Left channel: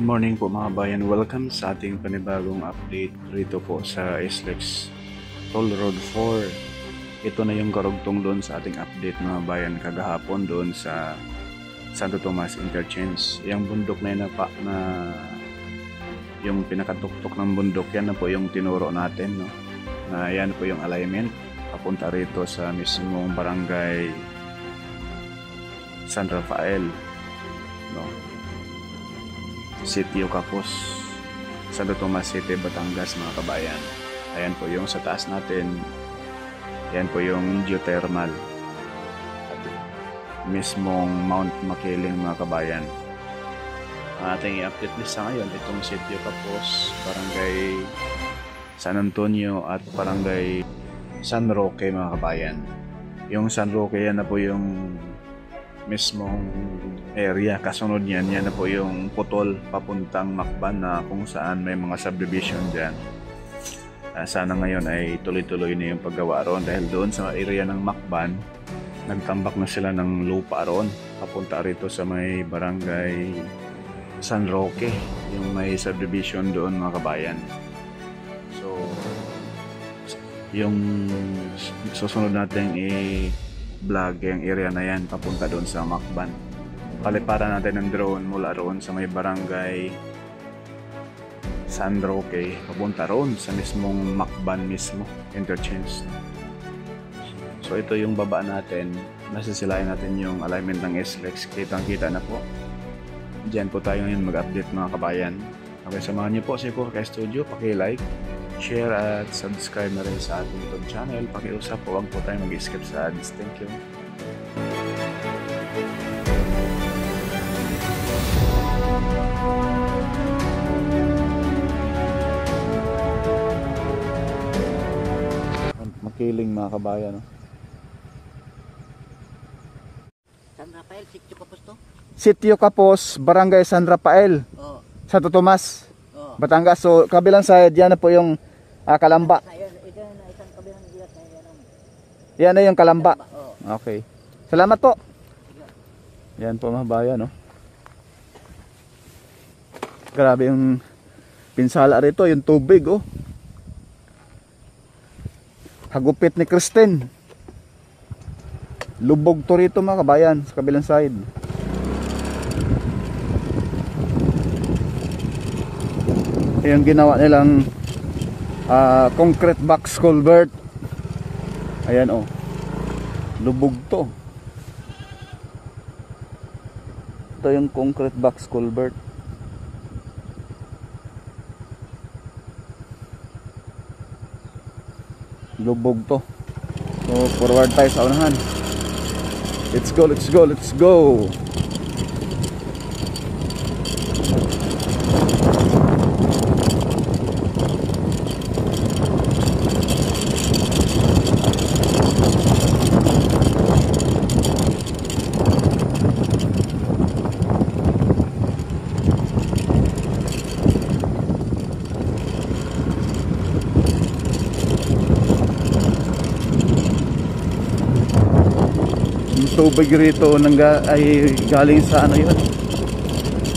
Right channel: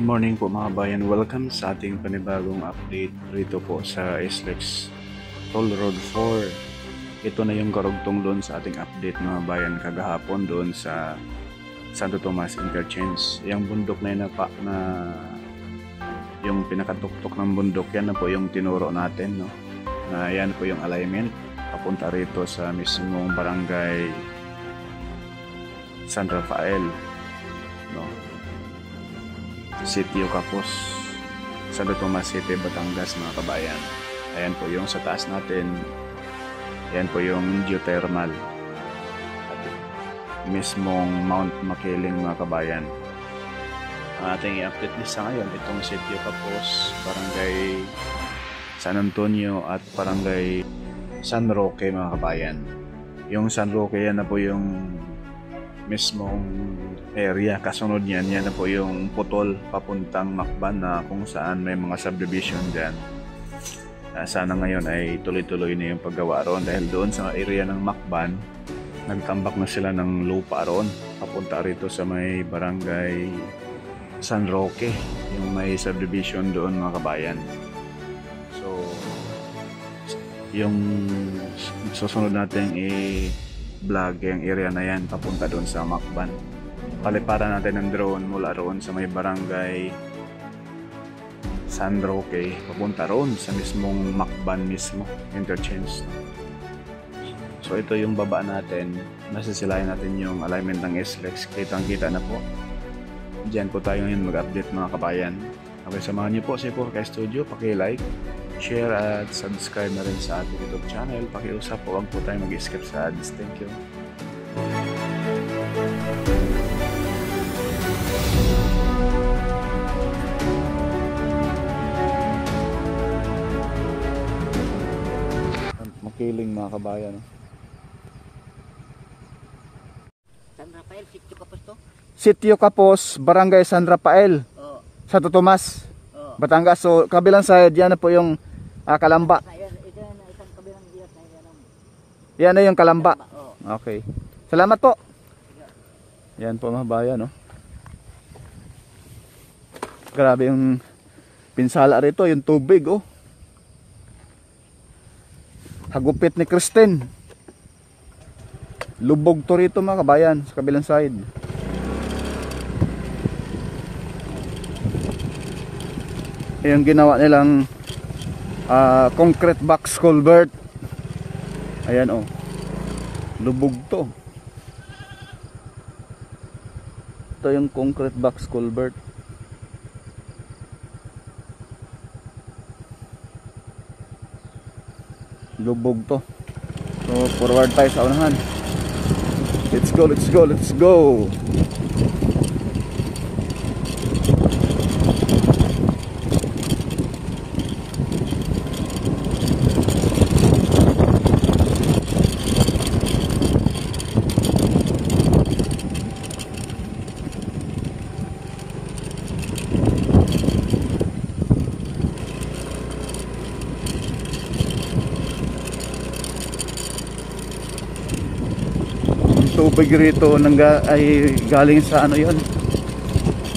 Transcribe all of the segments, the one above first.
Good morning po mga bayan. Welcome sa ating panibagong update rito po sa SLEX Toll Road 4. Ito na yung karugtong doon sa ating update mga bayan kagahapon doon sa Santo Tomas Interchange. Yung bundok na yun na yung pinakatuktok ng bundok, yan na po yung tinuro natin, no? Na yan po yung alignment papunta rito sa mismong barangay San Rafael, no? Sitio Capos, Santo Tomas City, Batangas mga kabayan. Ayan po yung sa taas natin. Ayan po yung geothermal at mismong Mount Makiling mga kabayan. Ang ating i-update list sa ngayon, itong Sitio Capos, Barangay San Antonio at Barangay San Roque mga kabayan. Yung San Roque, yan na po yung mismong area, kasunod yan na po yung putol papuntang Macban na kung saan may mga subdivision dyan. Sana ngayon ay tuloy-tuloy na yung paggawa roon dahil doon sa area ng Macban nagtambak na sila ng lupa roon papunta rito sa may barangay San Roque, yung may subdivision doon mga kabayan. So yung susunod natin vlog yung area na yan papunta doon sa Macban. Paliparan natin ng drone mula roon sa may barangay San Roque papunta roon sa mismong Macban mismo interchange. So ito yung baba natin, nasisilayan natin yung alignment ng SLEX. Kitang kita na po. Diyan po tayo ngayon mag-update mga kabayan. Okay, samahan niyo po si Porca Studio, paki-like, share at subscribe na rin sa ating YouTube channel. Pakiusap po, wag po tayo mag-skip sa ads. Thank you. Makiling mga kabayan. San Rafael, Sitio Capos to? Sitio Capos, Barangay San Rafael. Oo. Santo Tomas, Oo. Batangas. So kabilang side, yan na po yung Kalamba. Ito na isang kabilang ilat na yan. Yan na yung Kalamba. Oo. Okay. Salamat po. Yan po mga bayan, no? Grabe yung pinsala rito, yung tubig, oh. Hagupit ni Kristen. Lubog to rito mga kabayan sa kabilang side. Yung ginawa nilang concrete box culvert. Ayan, oh. Lubog to. Ito yung concrete box culvert. Lubog to. So forward tayo sa unahan. Let's go, let's go, let's go. Tubig rito ay galing sa ano yun,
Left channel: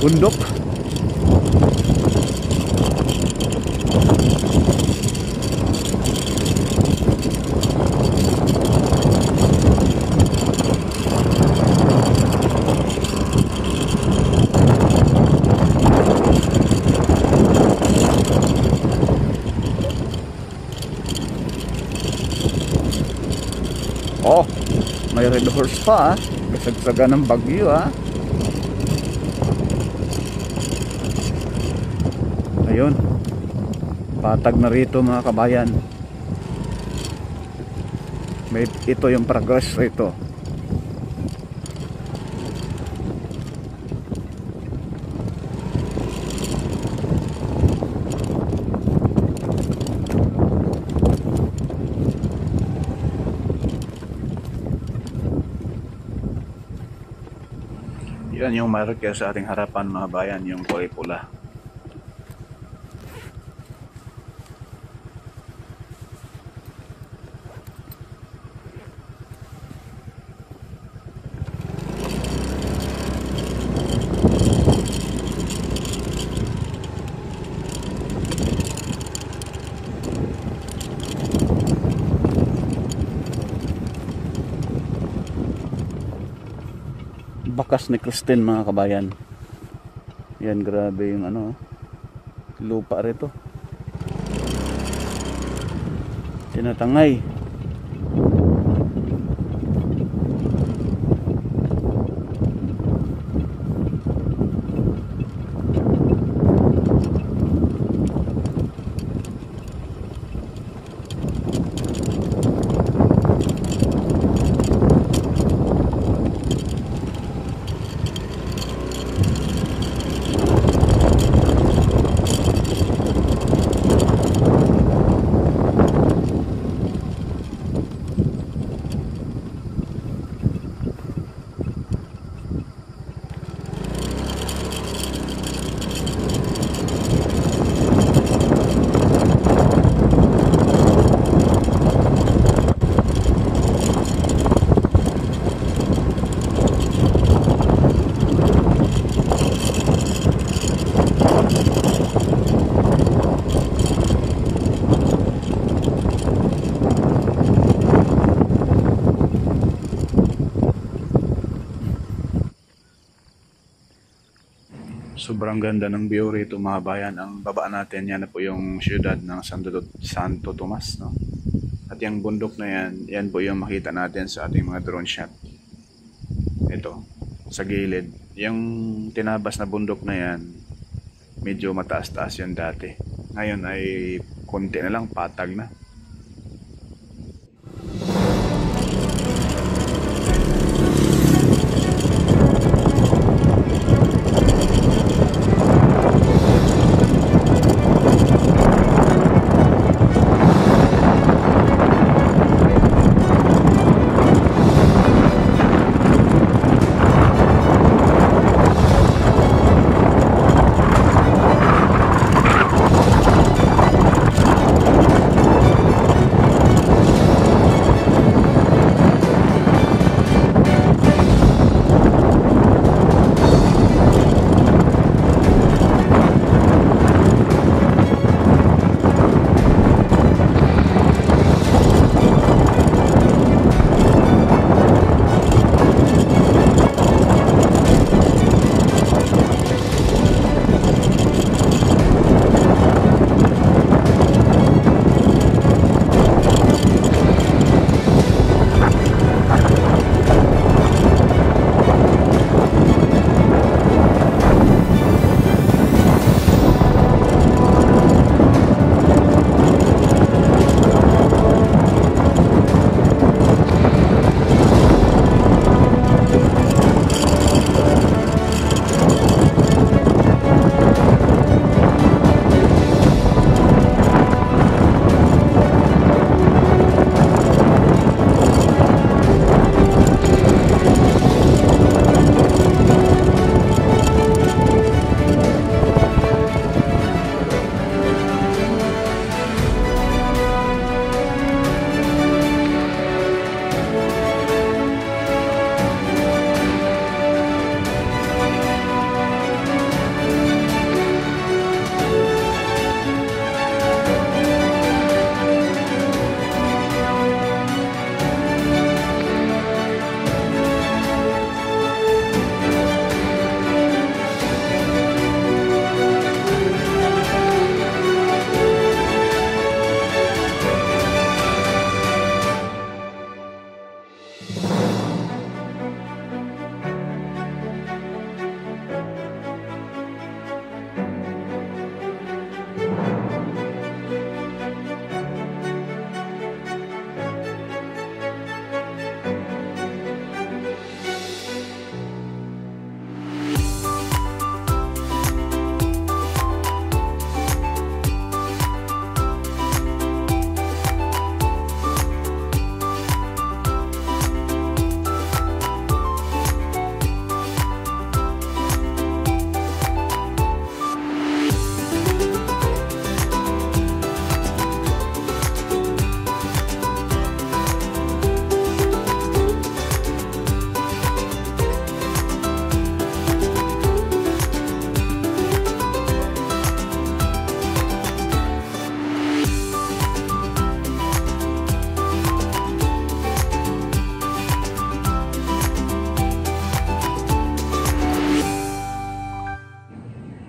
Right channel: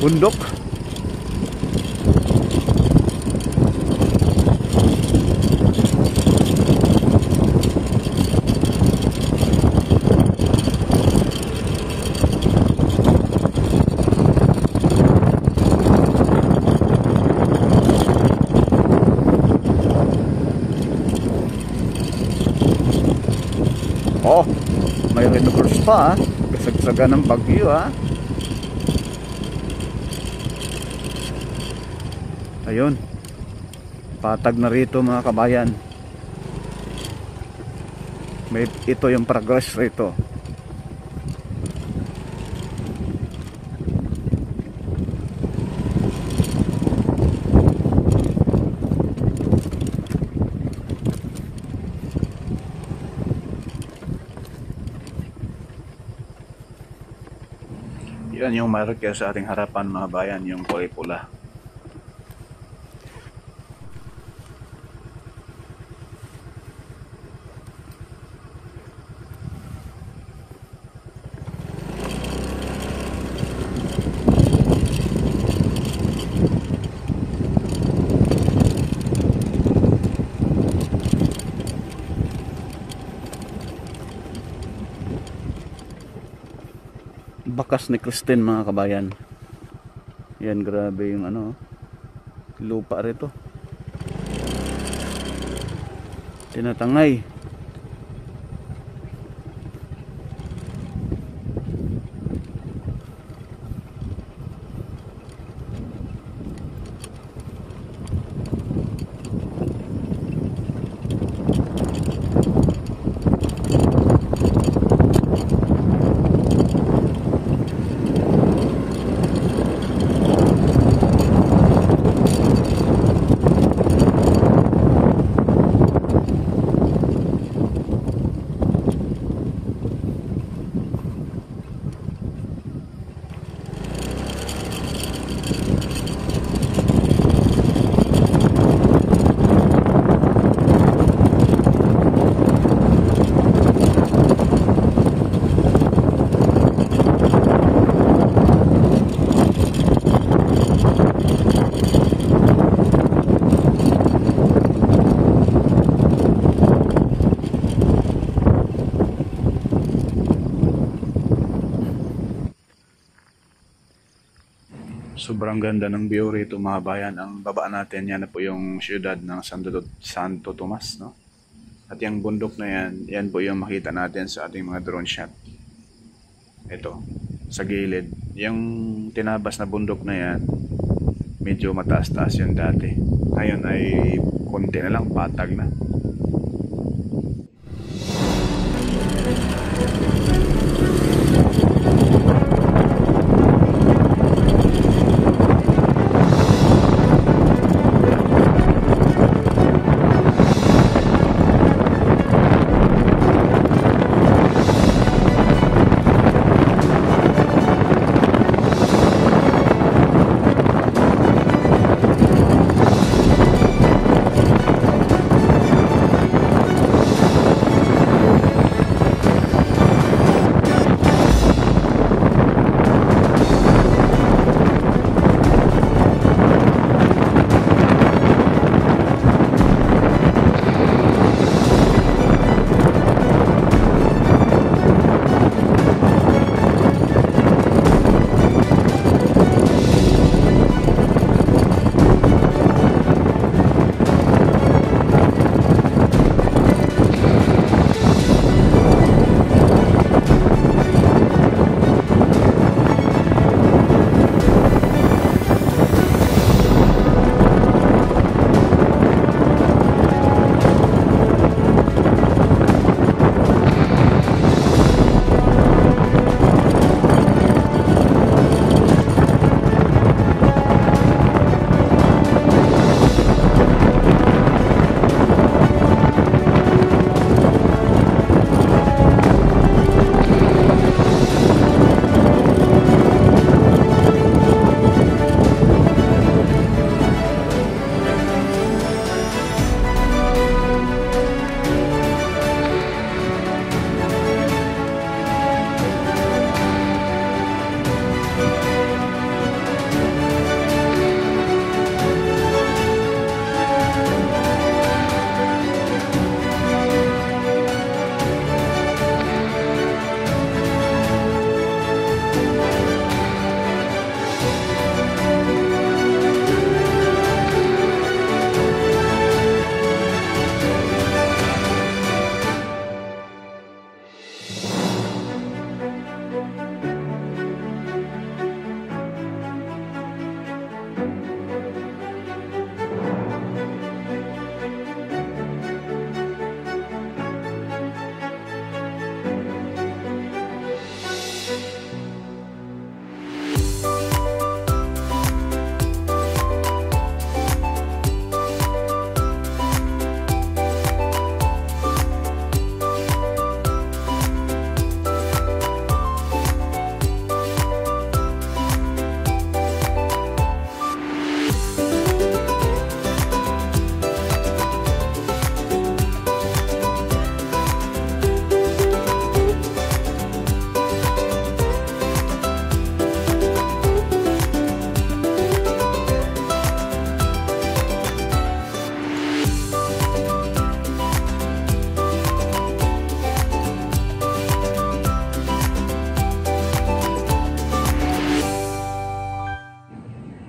bundok. Oh, may red horse pa, kasagsaga ng bagyo, ayun, patag na rito mga kabayan. Ito yung progress rito. Yan yung marker sa ating harapan mga bayan, yung kulay pula. Bakas ni Christine mga kabayan. Yan, grabe yung ano, lupa rito. Tinatangay. Sobrang ganda ng view rito mga bayan. Ang baba natin, yan na po yung siyudad ng Santo Tomas, no? At yung bundok na yan, yan po yung makita natin sa ating mga drone shot. Ito, sa gilid. Yung tinabas na bundok na yan, medyo mataas-taas yan dati. Ngayon ay konti na lang, patag na.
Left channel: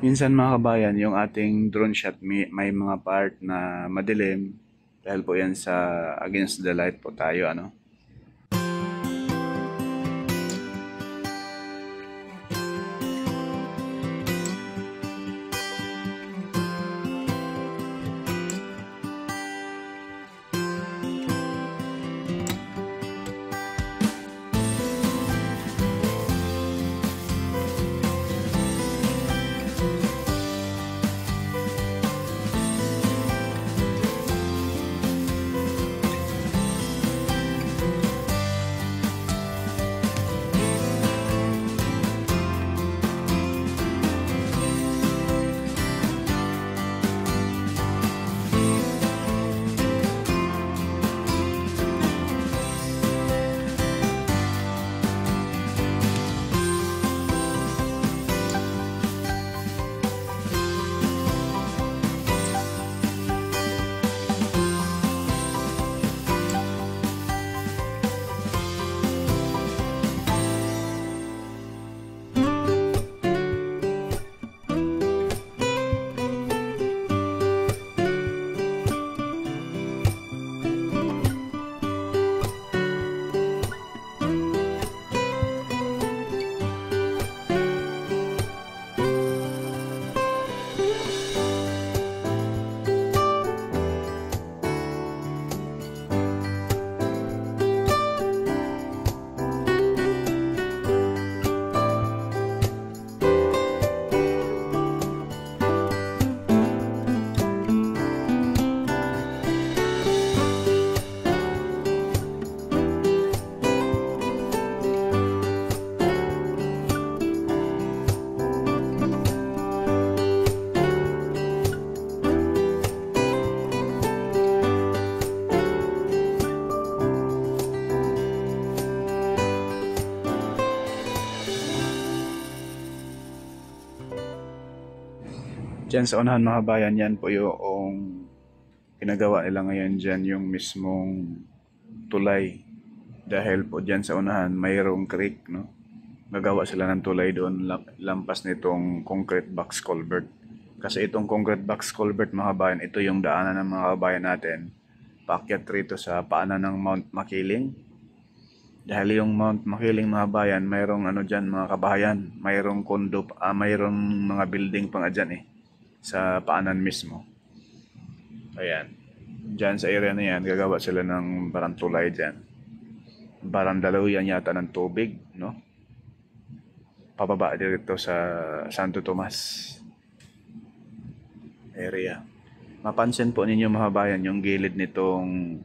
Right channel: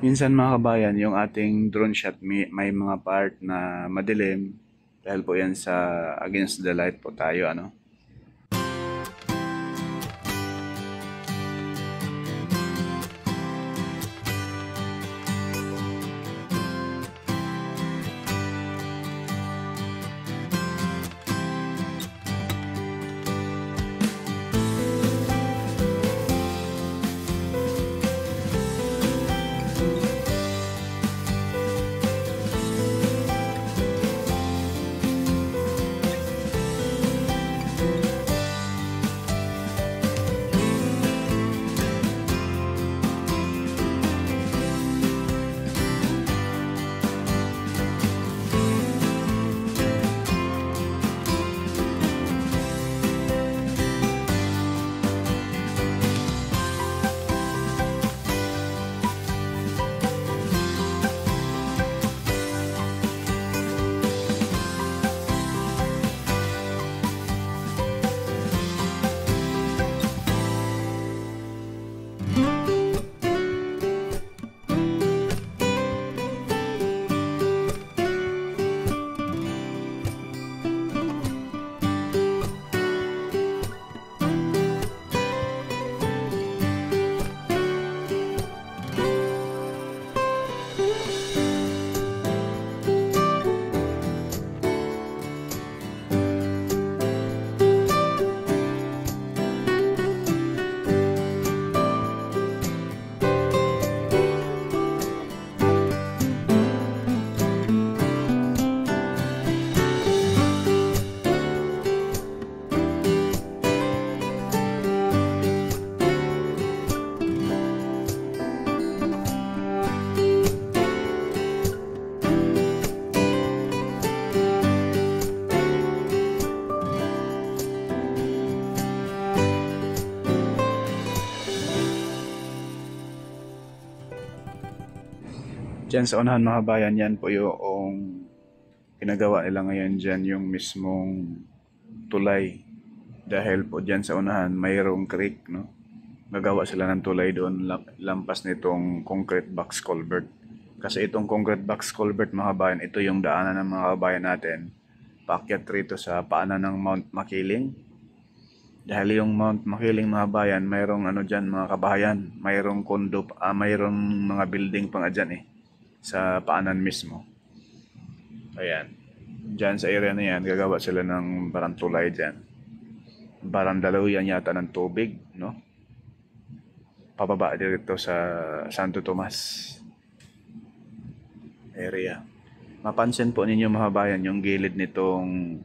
Minsan mga kabayan, yung ating drone shot may mga part na madilim dahil po yan sa against the light po tayo ano. Diyan sa unahan mga kabayan, yan po yung ginagawa nila ngayon dyan, yung mismong tulay. Dahil po dyan sa unahan, mayroong creek, no? Gagawa sila ng tulay doon, lampas nitong concrete box culvert. Kasi itong concrete box culvert mga kabayan, ito yung daanan ng mga kabayan natin. Paakyat rito sa paanan ng Mount Makiling. Dahil yung Mount Makiling mga kabayan, mayroong ano dyan mga kabayan, mayroong kondo, mayroong mga building pang dyan eh. Sa paanan mismo. Ayan. Diyan sa area na yan, gagawa sila ng parang tulay dyan. Parang dalawian yata ng tubig, no? Pababa dito sa Santo Tomas area. Mapansin po ninyo mga bayan, yung gilid nitong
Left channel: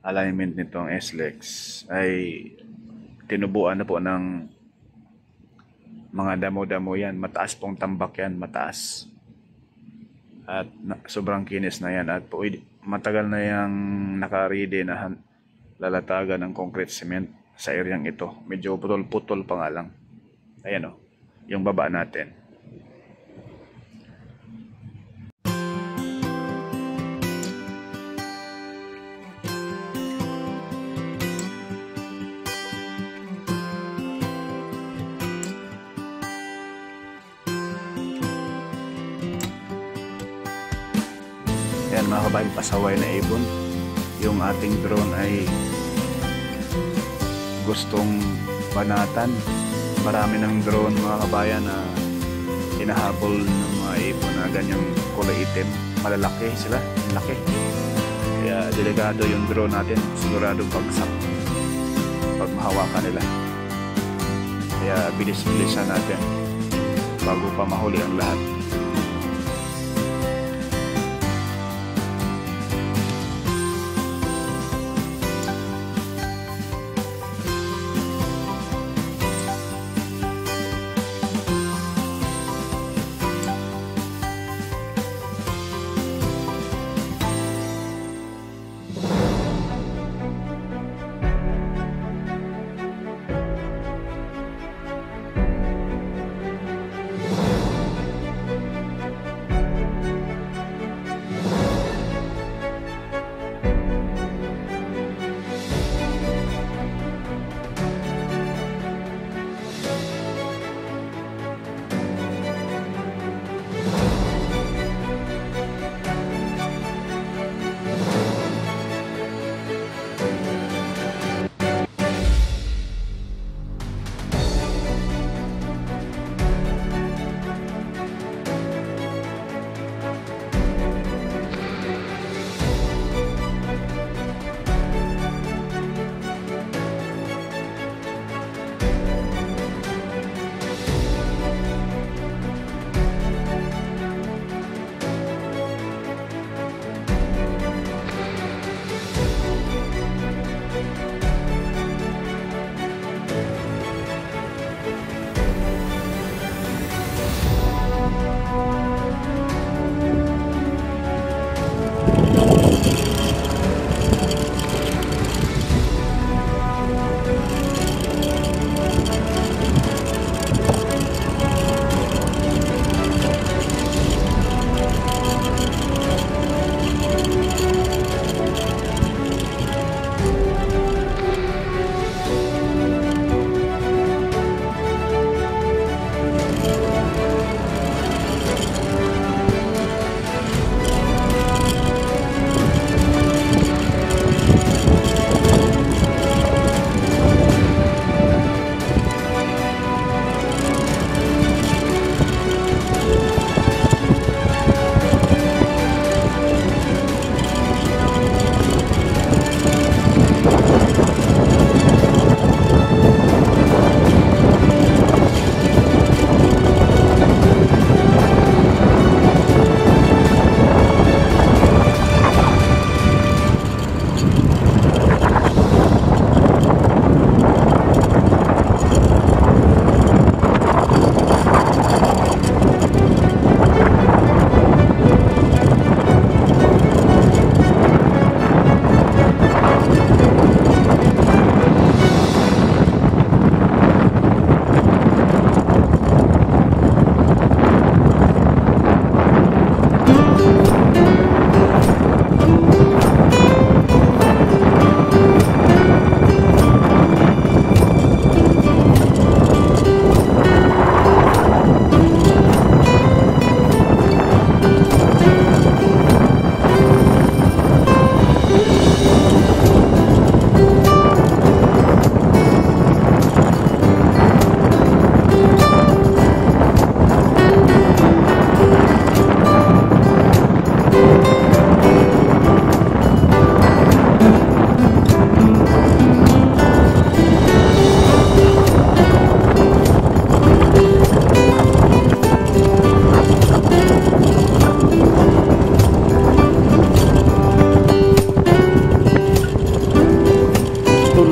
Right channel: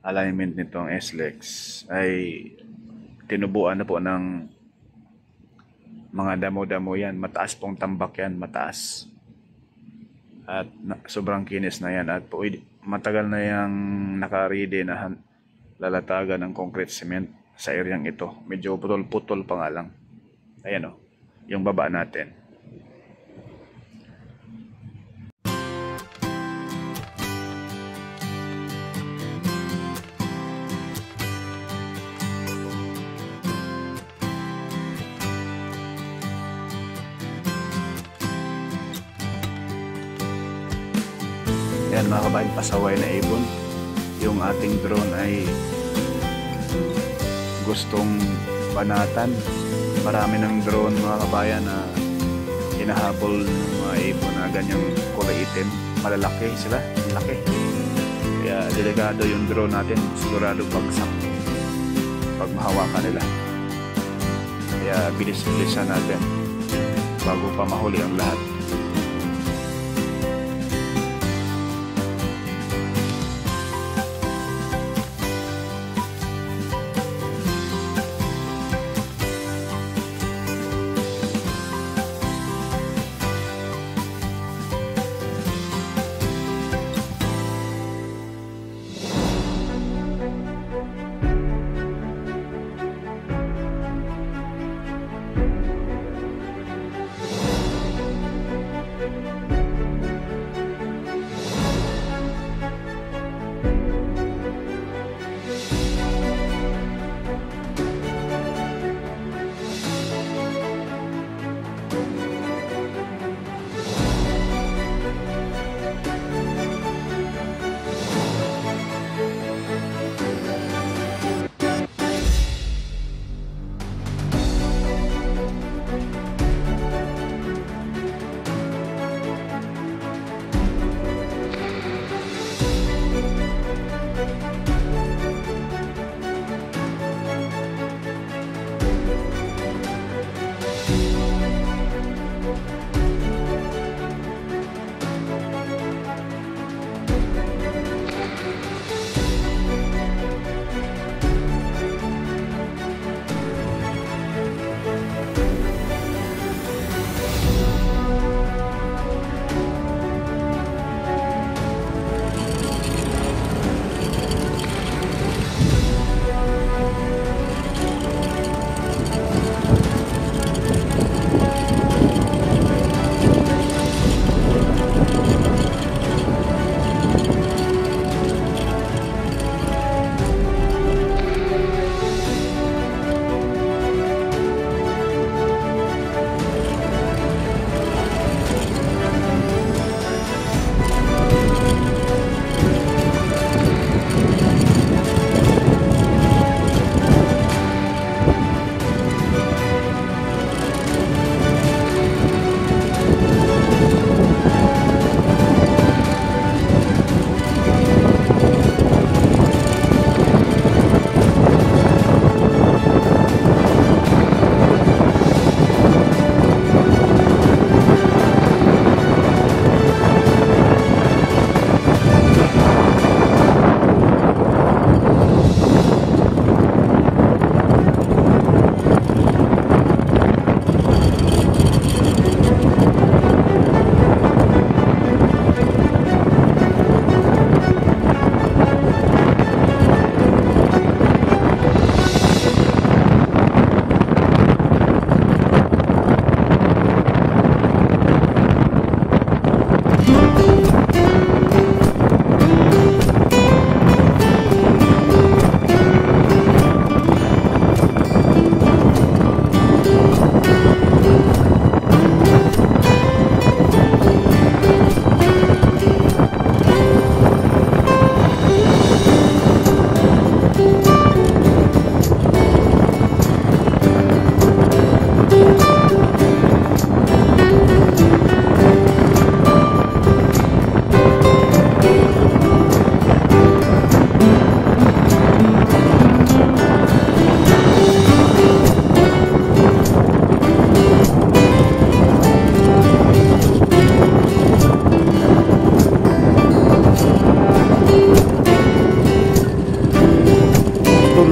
alignment nitong SLEX ay tinubuan na po ng mga damo-damo yan. Mataas pong tambak yan, mataas. At sobrang kinis na yan at matagal na yung naka-ready na lalatagan ng concrete cement sa areang ito. Medyo putol-putol pa nga lang. Ayan o, yung baba natin. Yan mga kabayan, pasaway na ibon. Yung ating drone ay gustong banatan. Marami ng drone mga kabayan na hinahabol ng mga ibon na ganyang kulay itim. Malalaki sila, laki. Kaya delikado yung drone natin, sigurado bagsak pag mahawakan nila. Kaya bilis-bilisan natin bago pa mahuli ang lahat.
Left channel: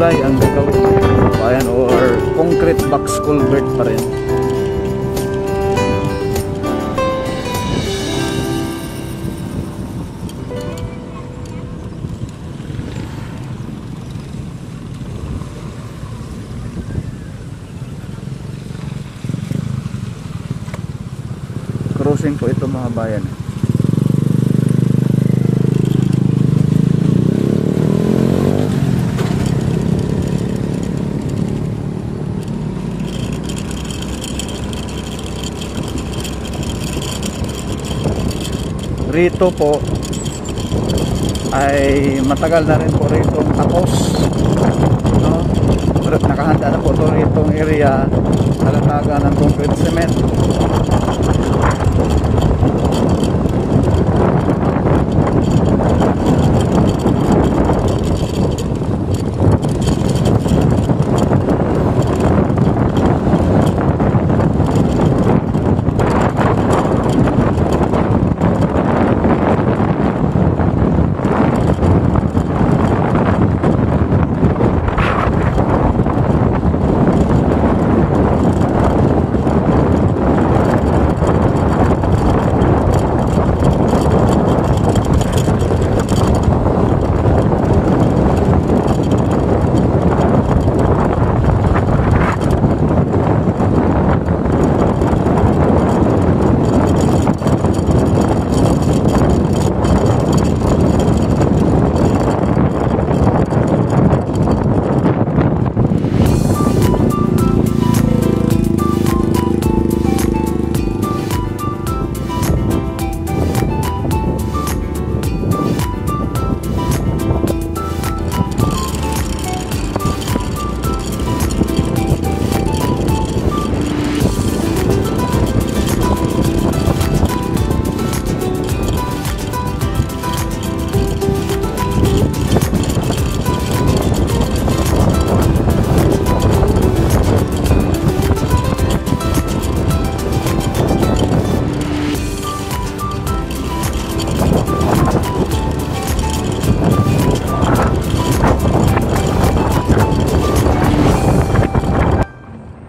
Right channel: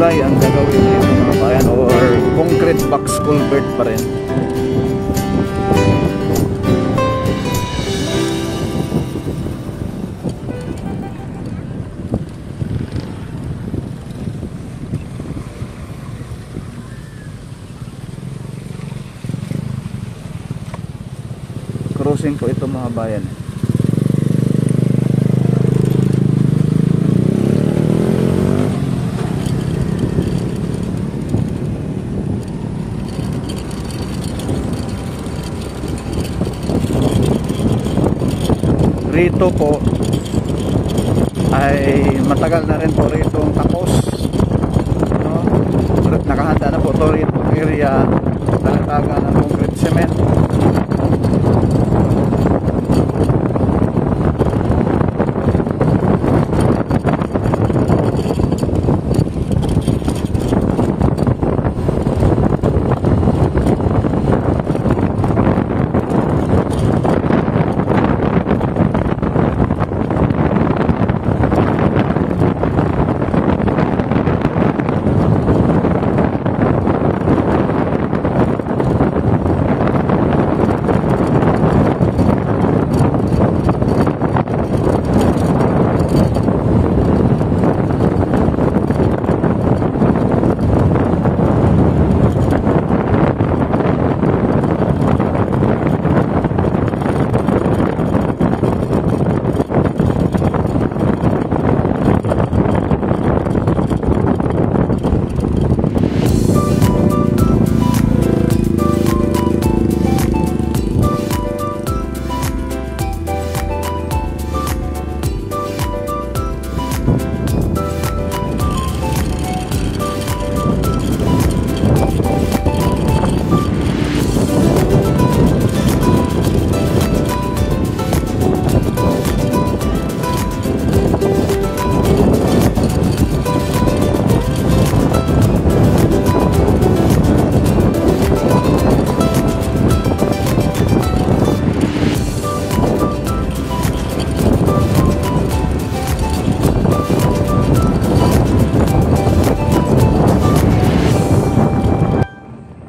tulay ang gagawin dito mga kabayan or concrete box culvert pa rin. Crossing po ito mga bayan. Rito po ay matagal na rin po rito tapos, no? Nakahanda na po ito rito ng area, talataga ng concrete cement.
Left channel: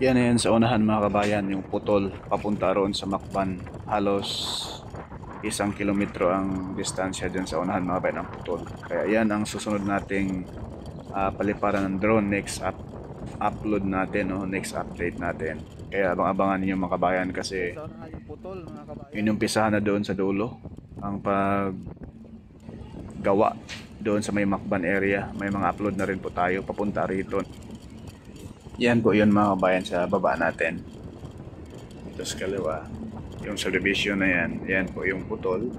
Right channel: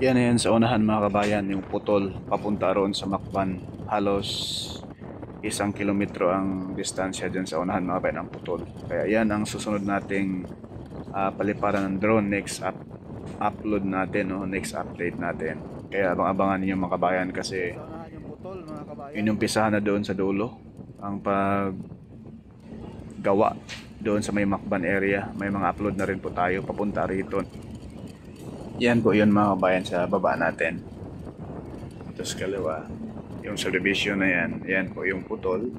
Yan sa unahan mga kabayan, yung putol papunta roon sa Macban. Halos 1 kilometro ang distansya dyan sa unahan mga kabayan ng putol. Kaya yan ang susunod nating paliparan ng drone next upload natin, no? Next update natin. Kaya abang-abangan ninyo mga kabayan kasi inumpisahan na doon sa dulo ang paggawa doon sa may Macban area. May mga upload na rin po tayo papunta rito. Yan po yun mga kabayan sa baba natin. Ito sa kaliwa. Yung subdivision na yan. Yan po yung putol.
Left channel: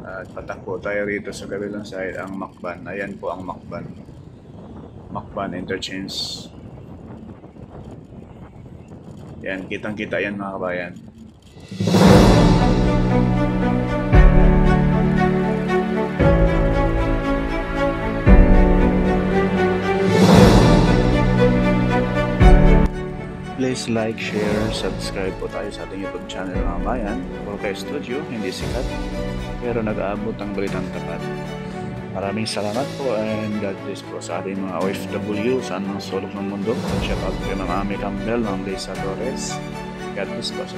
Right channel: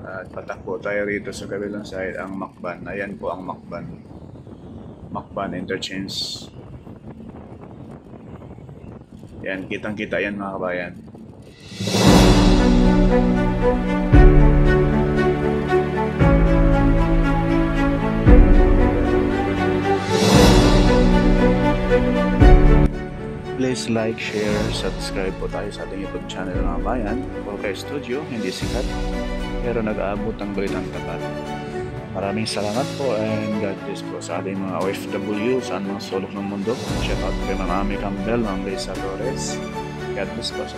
At patakbo tayo rito sa kabilang side ang Macban. Ayan po ang Macban. Macban Interchange. Yan, kitang-kita yan mga kabayan. Please like, share, subscribe po tayo sa ating YouTube channel mga bayan. Volkay Studio, hindi sikat pero nag-aabot ang balitang tapat. Maraming salamat po and God bless po sa ating mga OFW saan mga sulok ng mundo. Shout out kay Ma'am Ami Campbell, Ma'am Lisa Torres. God bless po sa